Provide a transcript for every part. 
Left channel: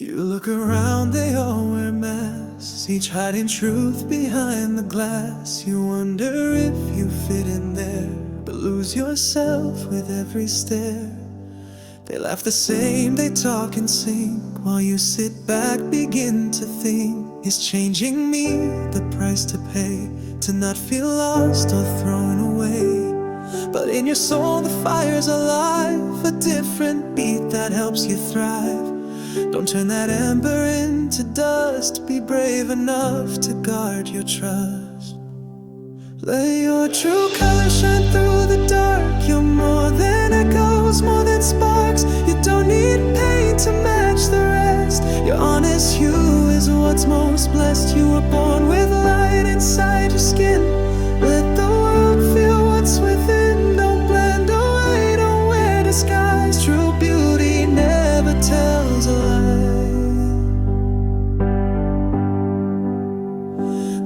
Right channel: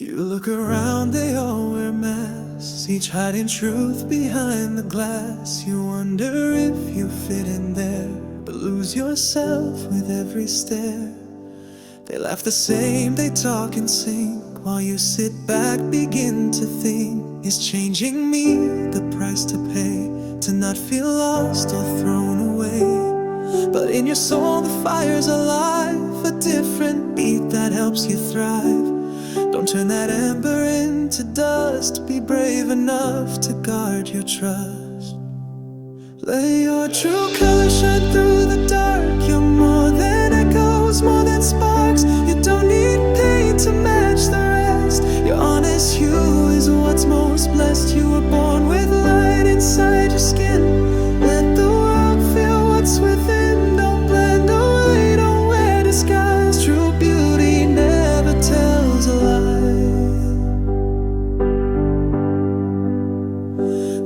You look around, they all wear masks, each hiding truth behind the glass. You wonder if you fit in there, but lose yourself with every stare. They laugh the same, they talk and sing, while you sit back, begin to think, is changing me the price to pay, to not feel lost or thrown away? But in your soul the fire's alive, a different beat that helps you thrive. Don't turn that ember into dust, be brave enough to guard your trust. Let your true colors shine through the dark. You're more than echoes, more than sparks. You don't need paint to match the rest. Your honest hue is what's most blessed. You were born with light inside your skin. Let the world feel what's within. Don't blend away, don't wear disguise. True beauty never tells a lie.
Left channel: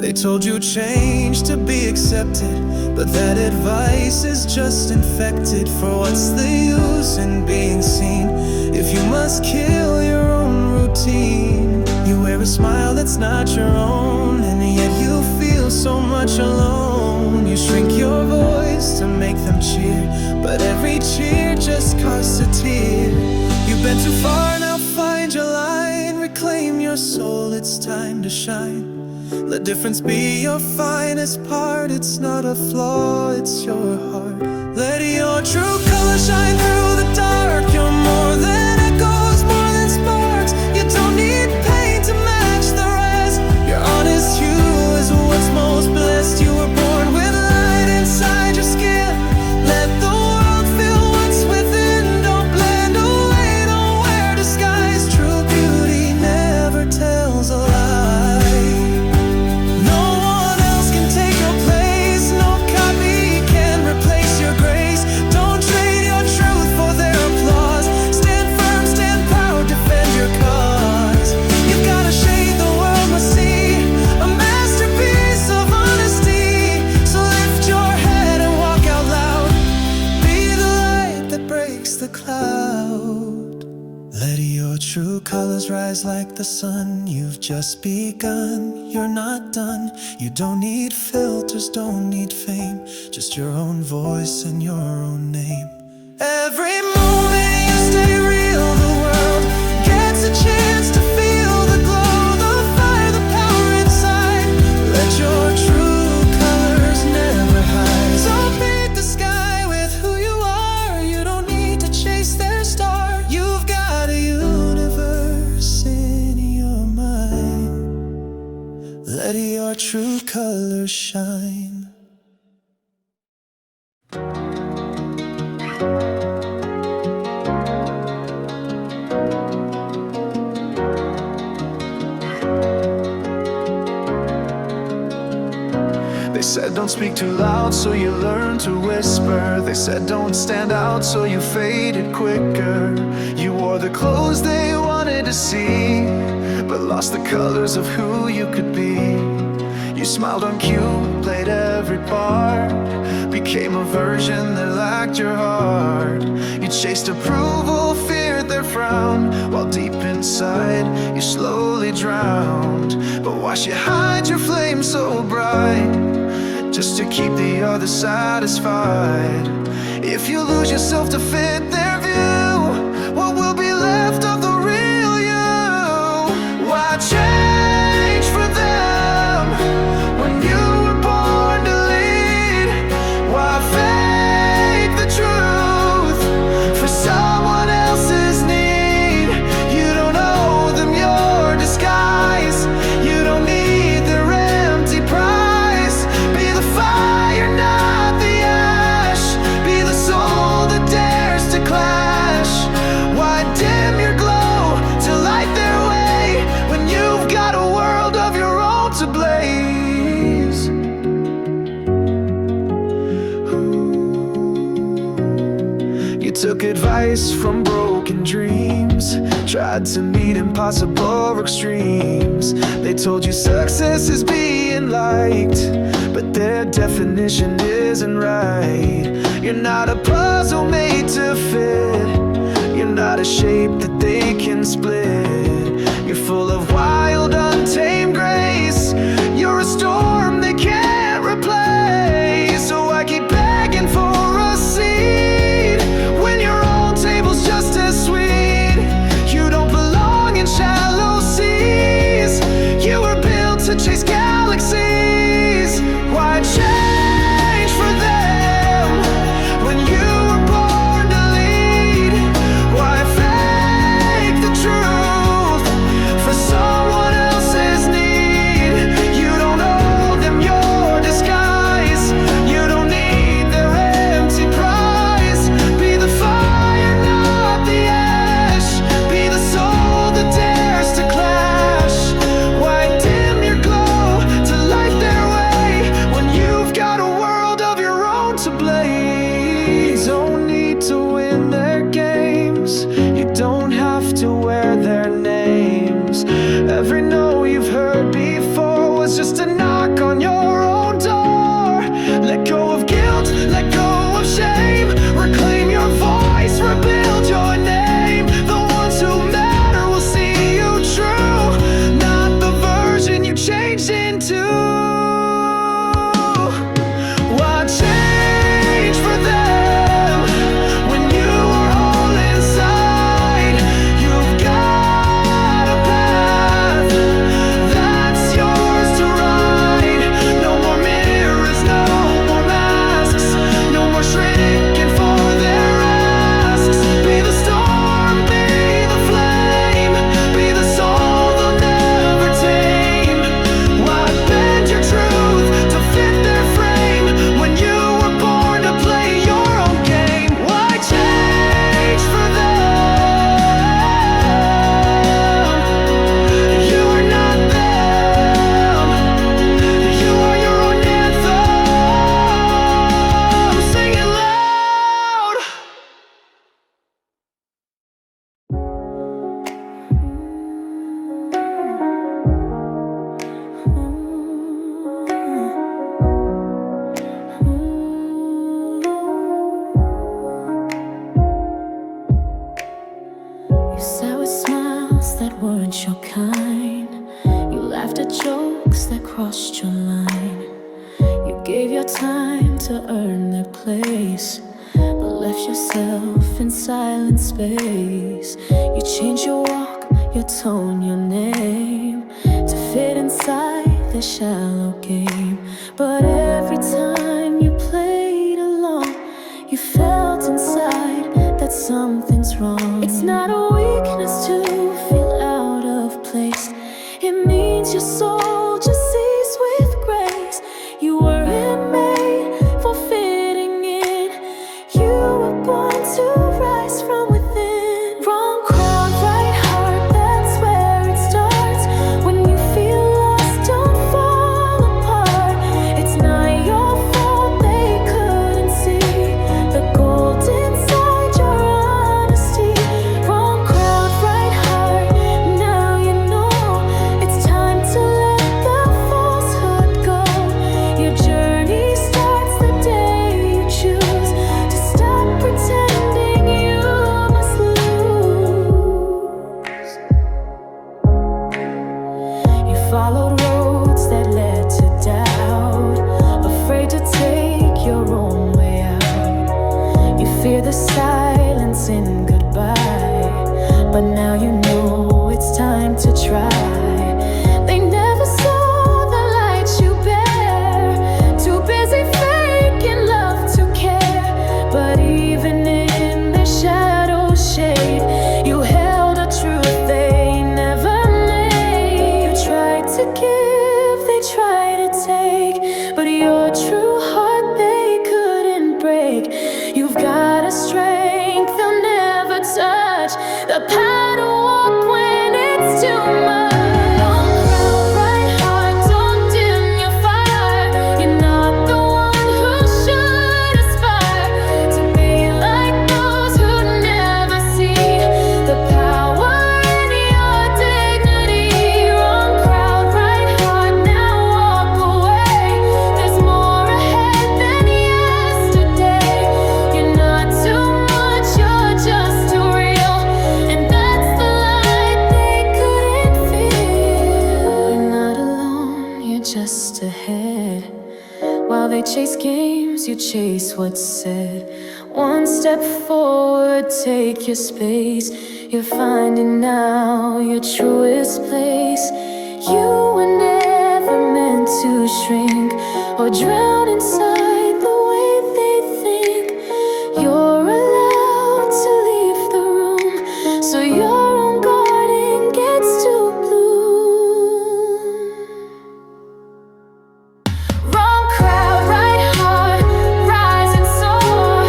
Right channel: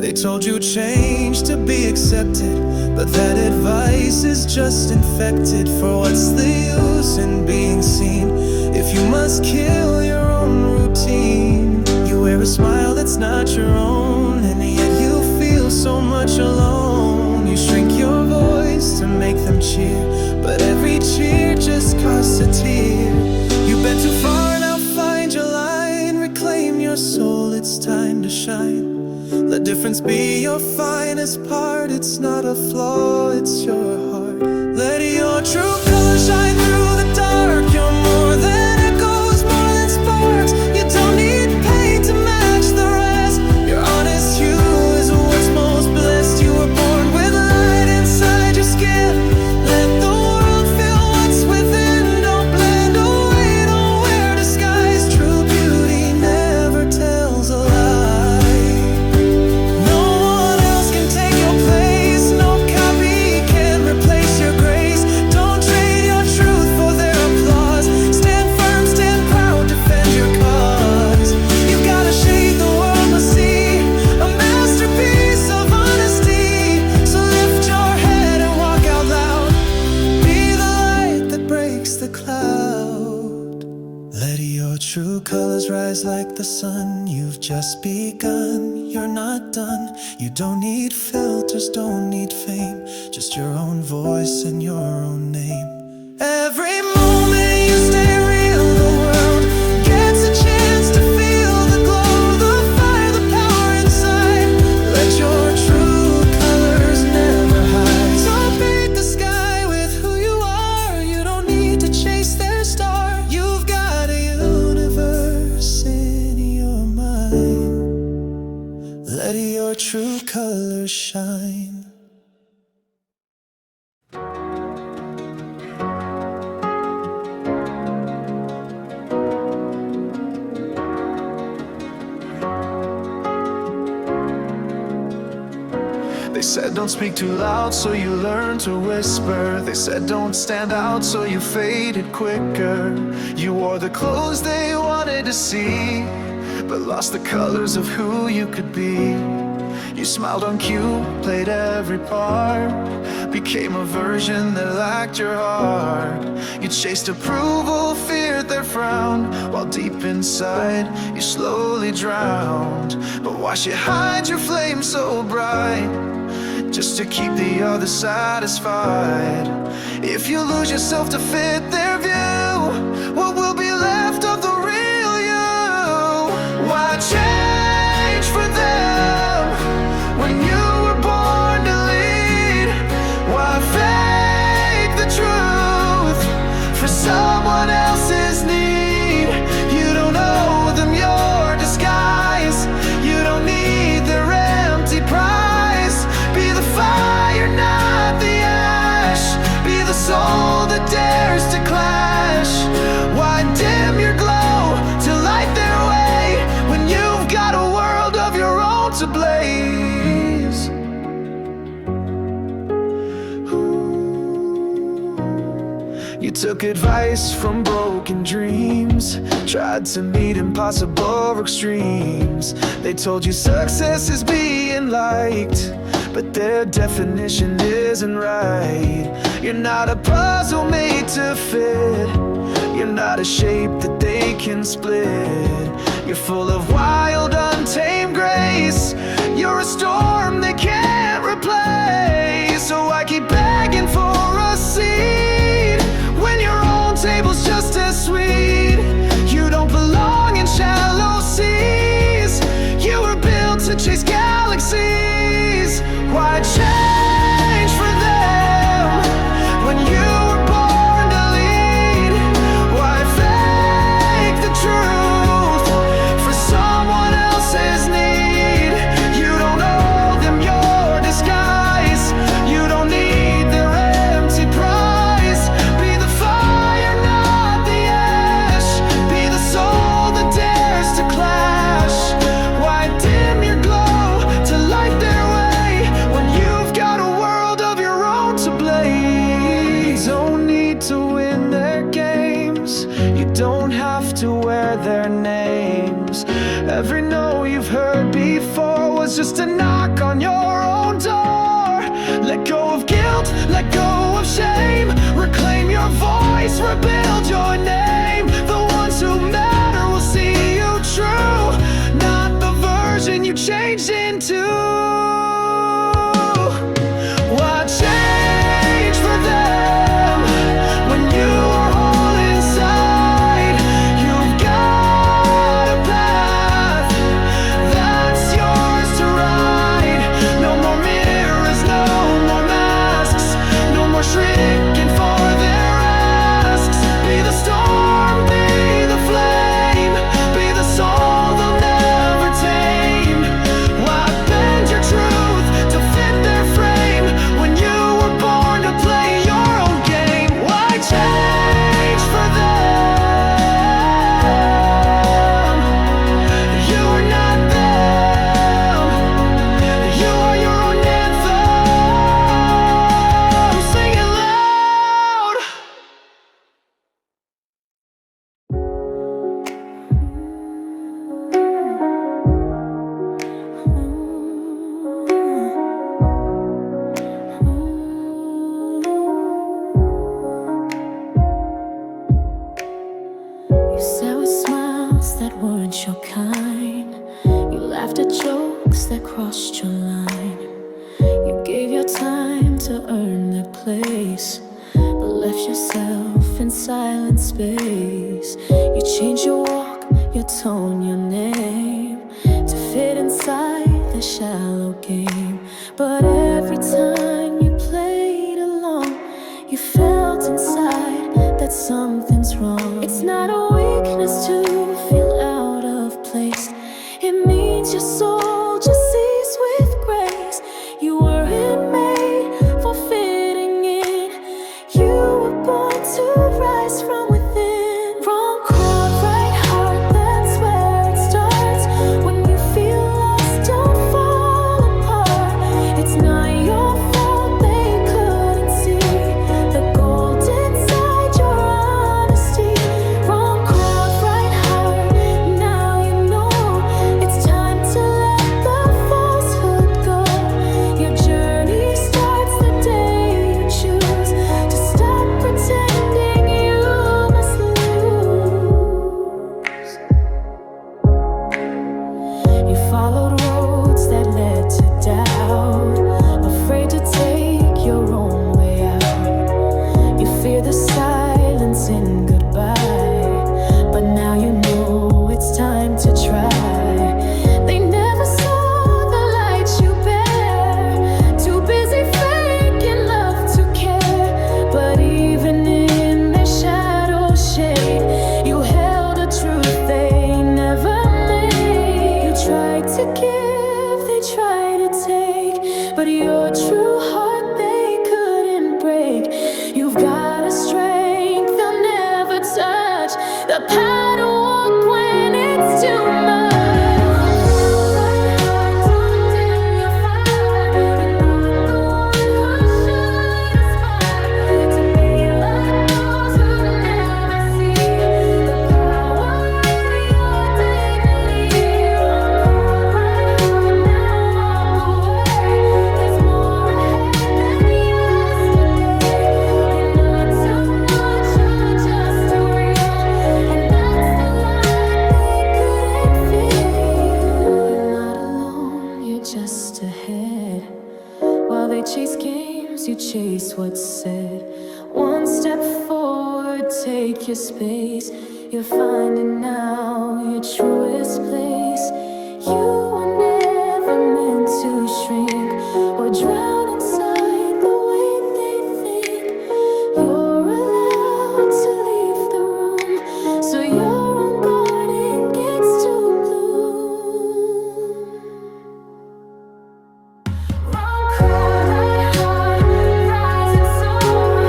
They told you change to be accepted, but that advice is just infected. For what's the use in being seen if you must kill your own routine? You wear a smile that's not your own, and yet you feel so much alone. You shrink your voice to make them cheer, but every cheer just costs a tear. You've been too far, now find your line. Reclaim your soul, it's time to shine. Let difference be your finest part. It's not a flaw, it's your heart. Let your true color shine through the dark. You're more than echoes, more than sparks. You don't need paint to match the rest. Your honest hue is what's most blessed. You were born with light inside your skin. Let the world feel what's within. Don't blend away, don't wear disguise. True beauty never tells a lie. Replace your grace. Don't trade your truth for their applause. Stand firm, stand proud, defend your cause. You've got a shade the world must see, a masterpiece of honesty. So lift your head and walk out loud. Be the light that breaks the cloud. Let your true colors rise like the sun. You've just begun, you're not done. You don't need filters, don't need fame, just your own voice and your own name. Every moment you stay real, the world gets a chance to feel the glow, the fire, the power inside. Let your true colors never hide. So paint the sky with who you are. You don't need to chase their star. You've got a universe in your mind. Let your true colors shine. They said don't speak too loud, so you learn to whisper. They said don't stand out, so you faded quicker. You wore the clothes they wanted to see, but lost the colors of who you could be. You smiled on cue, played every part, became a version that lacked your heart. You chased approval, feared their frown, while deep inside you slowly drowned. But why should hide your flame so bright, just to keep the others satisfied? If you lose yourself to fit their view, what will be left of the real you? Why change for them when you were born to lead? Why fake the truth for someone else's need? You don't owe them your disguise. You don't need their empty prize. Be the fire, not the ash. Be the soul that dares to clash. Why dim your glow to light their way when you've got a world of your own to blaze? You took advice from broken dreams, tried to meet impossible extremes. They told you success is being liked, but their definition isn't right. You're not a puzzle made to fit. You're not a shape that they can split. You're full of wild, untamed grace. You're a storm they can't replace. So I keep begging for a seat when your own table's just as sweet. You don't belong in shallow seas. You were built to chase galaxies. Why change for them when you were born to lead? Why fake the truth for someone else's need? You don't owe them your disguise. You don't need their empty prize. Be the fire, not the ash. Be the soul that dares to clash. Why dim your glow to light their way when you've got a world of your own to blaze? You don't need to win their games. You don't have to wear their names. Every no you've heard before was just a knock on your own door. Let go of guilt, let go of shame. Reclaim your voice, rebuild your name. The ones who matter will see you true, not the version you changed into. Why change for them when you are whole inside? You've got a path that's yours to ride. No more mirrors, no more masks, no more shrinking for their asks. Be the storm, be the flame, be the soul they'll never tame. Why bend your truth to fit their frame when you were born to play your own game? Why change for them? You are not them. You are your own anthem. Sing it loud. You sat with smiles that weren't your kind. You laughed at jokes that crossed your line. You gave your time to earn that place, but left yourself in silent space. You changed your walk, your tone, your name to fit inside the shallow game. But every time you played along, you felt inside that something's wrong. It's not a weakness to feel out of place. It means your soul just sees with grace. You weren't made for fitting in. You were born to rise from within. Wrong crowd, right heart, that's where it starts. When you feel lost, don't fall apart. It's not your fault they couldn't see the gold inside your honesty. Wrong crowd, right heart, now you know it's time to let the falsehood go. Your journey starts the day you choose to stop pretending you must lose. You followed roads that led to doubt, afraid to take your own way out. You fear the silence in goodbye, but now you know it's time to try. They never saw the light you bear, too busy faking love to care. But even in their shadow shade, you held a truth they never made. You tried to give, they tried to take, but your true heart they couldn't break. You've got a strength they'll never touch, the power to walk when it's too much. Wrong crowd, right heart, don't dim your fire. You're not the one who should aspire to be like those who never see the power in your dignity. Wrong crowd, right heart, now walk away. There's more ahead than yesterday. You're not too much, you're just too real, and that's the light they couldn't just ahead. While they chase games, you chase what's said. One step forward, take your space. You're finding now your truest place. You were never meant to shrink or drown inside the way they think. You're allowed to leave the room so your own garden gets to bloom. Wrong crowd, right heart, rise and soar.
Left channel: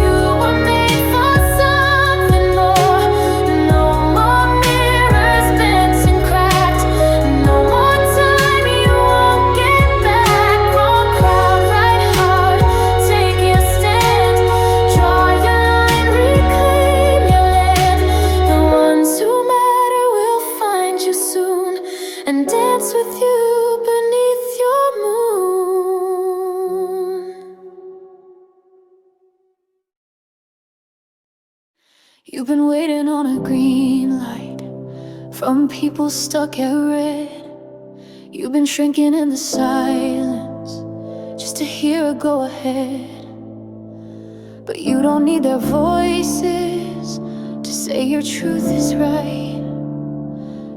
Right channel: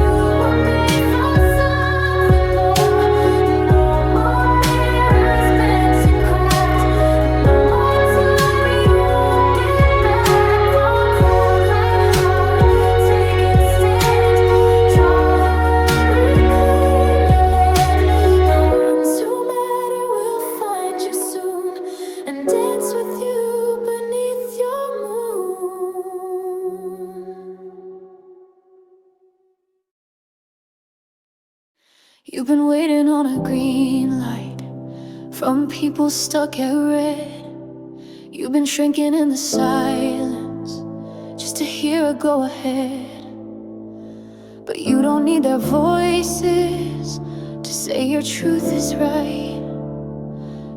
You were made for something more. No more mirrors bent and cracked. No more time you won't get back. Wrong crowd, right heart, take your stand. Draw your line, reclaim your land. The ones who matter will find you soon and dance with you beneath your moon. You've been waiting on a green light from people stuck at red. You've been shrinking in the silence just to hear a go ahead. But you don't need their voices to say your truth is right.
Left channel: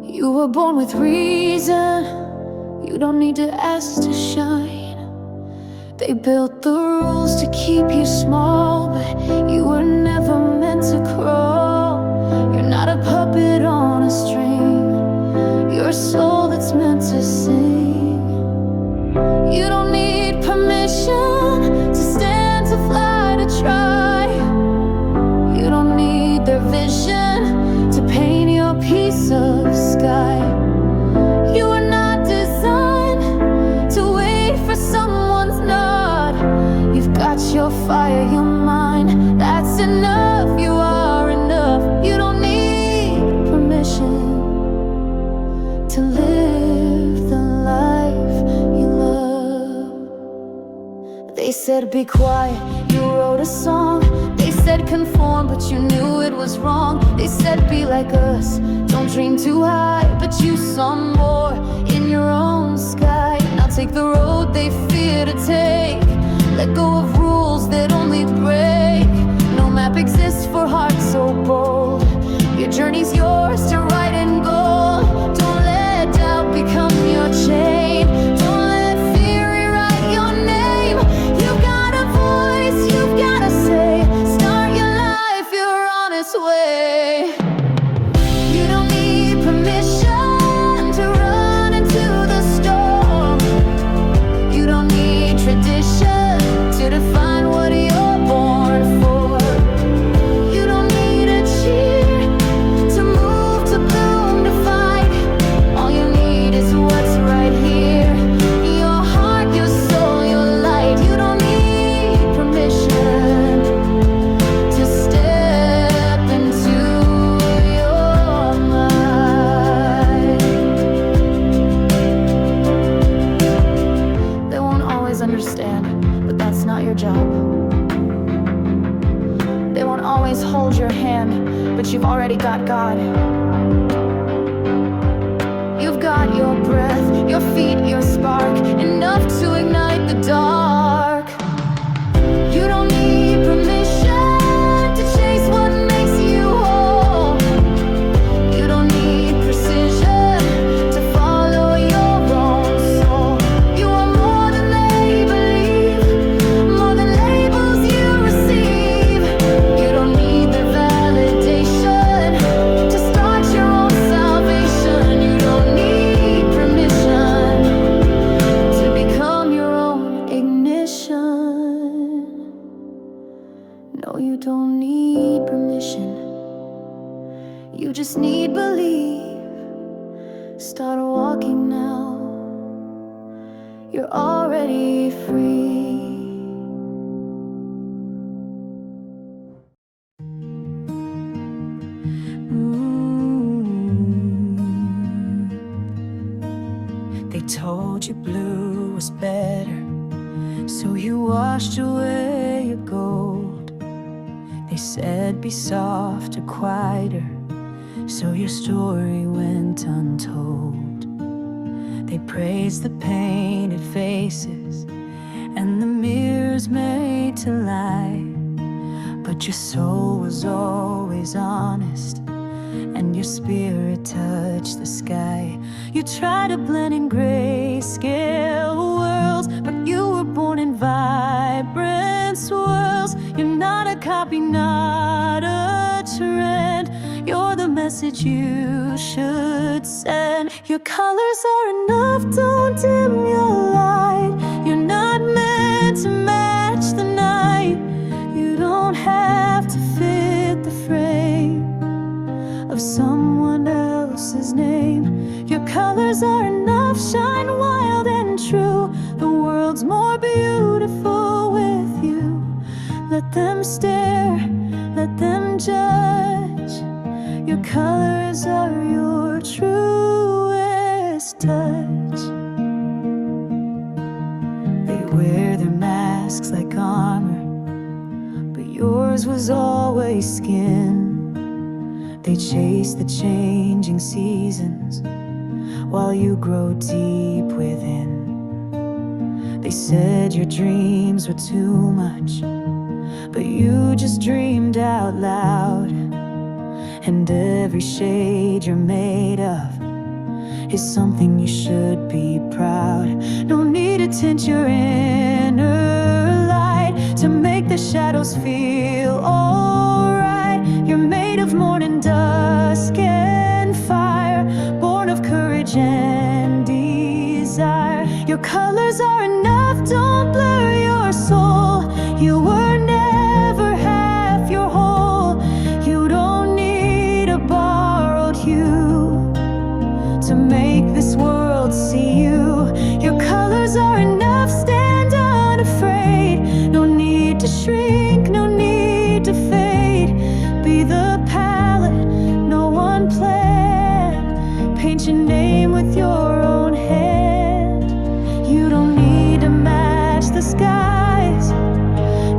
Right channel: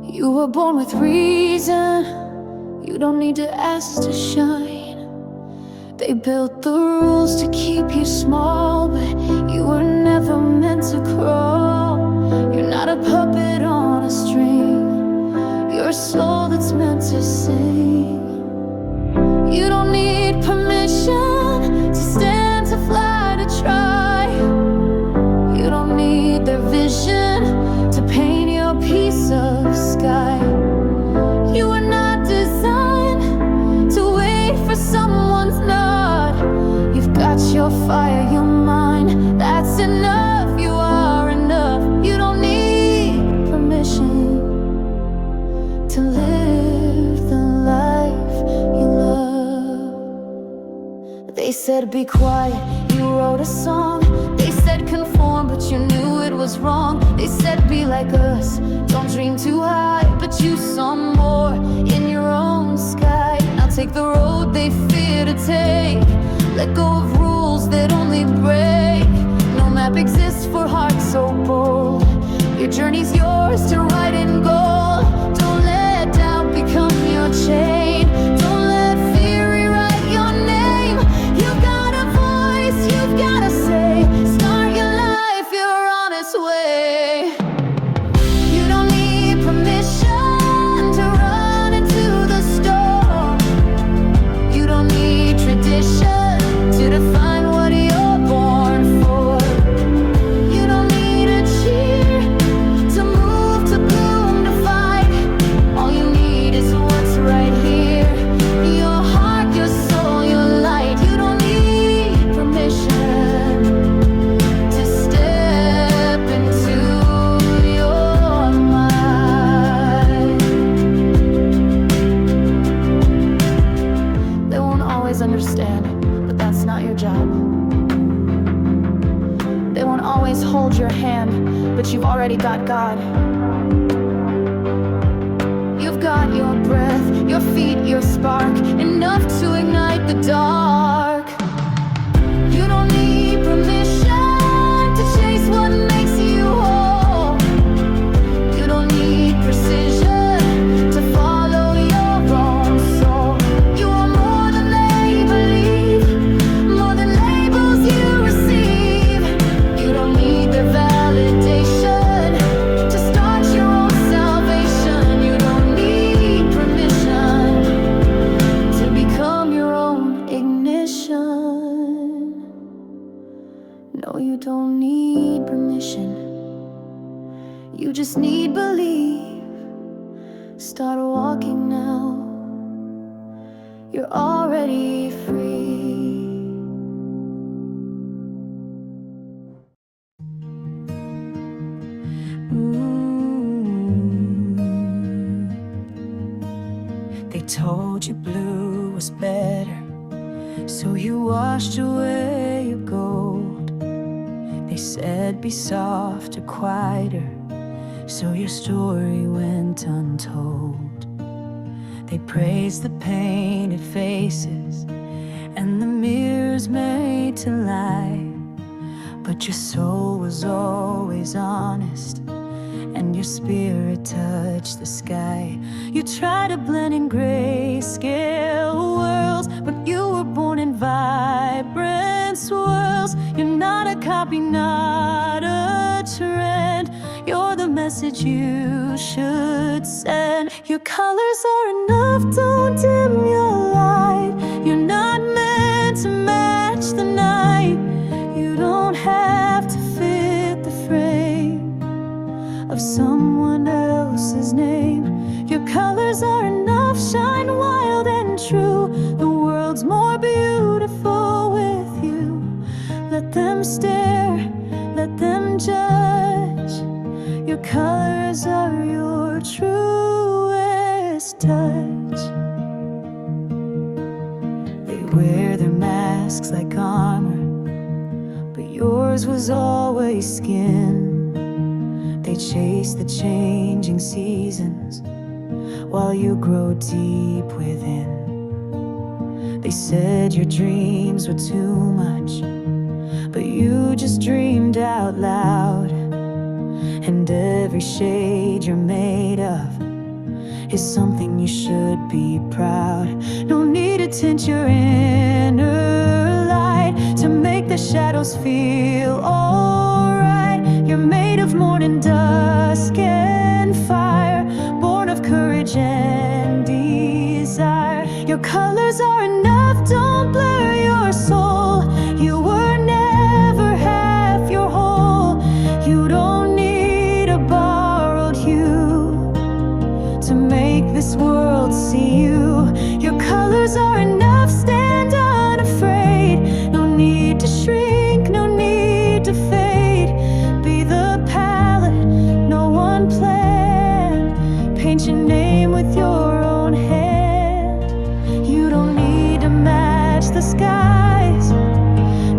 You were born with reason, you don't need to ask to shine. They built the rules to keep you small, but you were never meant to crawl. You're not a puppet on a string, you're a soul that's meant to sing. You don't need permission to stand, to fly, to try. You don't need their vision to paint your piece of sky. You are not designed to wait for someone's nod. You've got your fire, your mind, that's enough. You are enough. You don't need permission to live the life you love. They said be quiet, you wrote a song. They said conform, but you knew it was wrong. They said be like us, don't dream too high, but you saw more in your own sky. Now take the road they fear to take. Let go of rules that only break. No map exists for hearts so bold. Your journey's yours to write in gold. Don't let doubt become your chain. Don't let fear rewrite your name. You've got a voice, you've got to say. Start your life your honest way. You don't need permission to run into the storm. You don't need tradition to define what you're born for. You don't need a cheer to move, to bloom, to fight. All you need is what's right here. Your heart, your soul, your light. You don't need permission to step into your mind. They won't always understand, but that's not your job. They won't always hold your hand, but you've already got God. You've got your breath, your feet, your spark, enough to ignite the dark. You don't need permission to chase what makes you whole. You don't need precision to follow your own soul. You are more than they believe, more than labels you receive. You don't need their validation to start your own salvation. You don't need permission to become your own ignition. No, you don't need permission. You just need belief. Start walking now. You're already free. They told you blue was better, so you washed away your gold. They said be softer, quieter, so your story went untold. They praise the painted faces and the mirrors made to lie. But your soul was always honest, and your spirit touched the sky. You try to blend in grayscale worlds, but you were born in vibrant swirls. You're not a copy, not a trend. You're the message you should send. Your colors are enough, don't dim your light. You're not meant to match the night. You don't have to fit the frame of someone else's name. Your colors are enough, shine wild and true. The world's more beautiful with you. Let them stare, let them judge. Your colors are your truest touch. They wear their masks like armor, but yours was always skin. They chase the changing seasons while you grow deep within. They said your dreams were too much, but you just dreamed out loud. And every shade you're made of is something you should be proud. No need to tint your inner light to make the shadows feel alright. You're made of morning dusk and fire, born of courage and desire. Your colors are enough, don't blur your soul. You were never half your whole. You don't need a borrowed hue to make this world see you. Your colors are enough, stand unafraid. No need to shrink, no need to fade. Be the palette no one planned. Paint your name with your own hand. You don't need to match the skies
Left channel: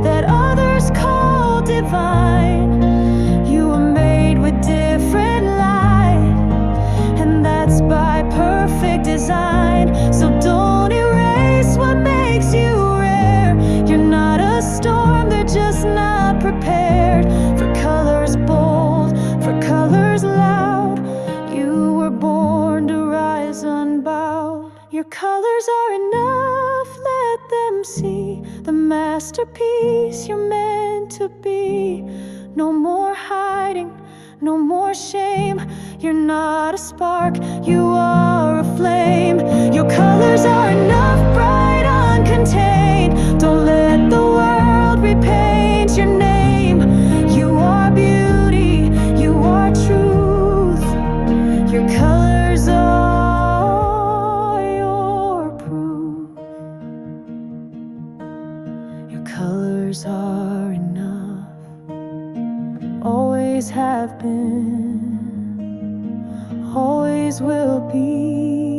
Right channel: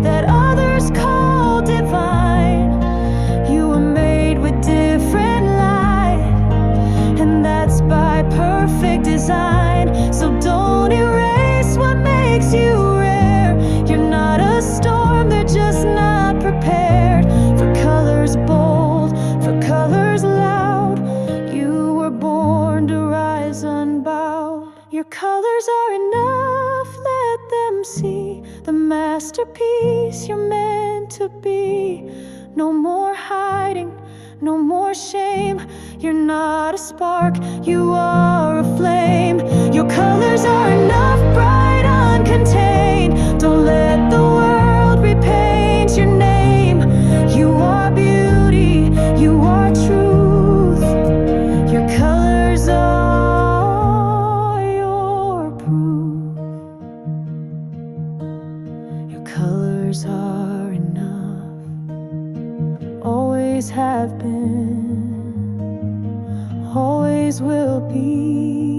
that others call divine. You were made with different light, and that's by perfect design. So don't erase what makes you rare. You're not a storm, they're just not prepared for colors bold, for colors loud. You were born to rise unbowed. Your colors are enough, let them see the masterpiece you're meant to be. No more hiding, no more shame. You're not a spark, you are a flame. Your colors are enough, bright, uncontained. Don't let the world repaint your name. You are beauty, you are truth. Your colors are your proof. Your colors are enough, always have been, always will be.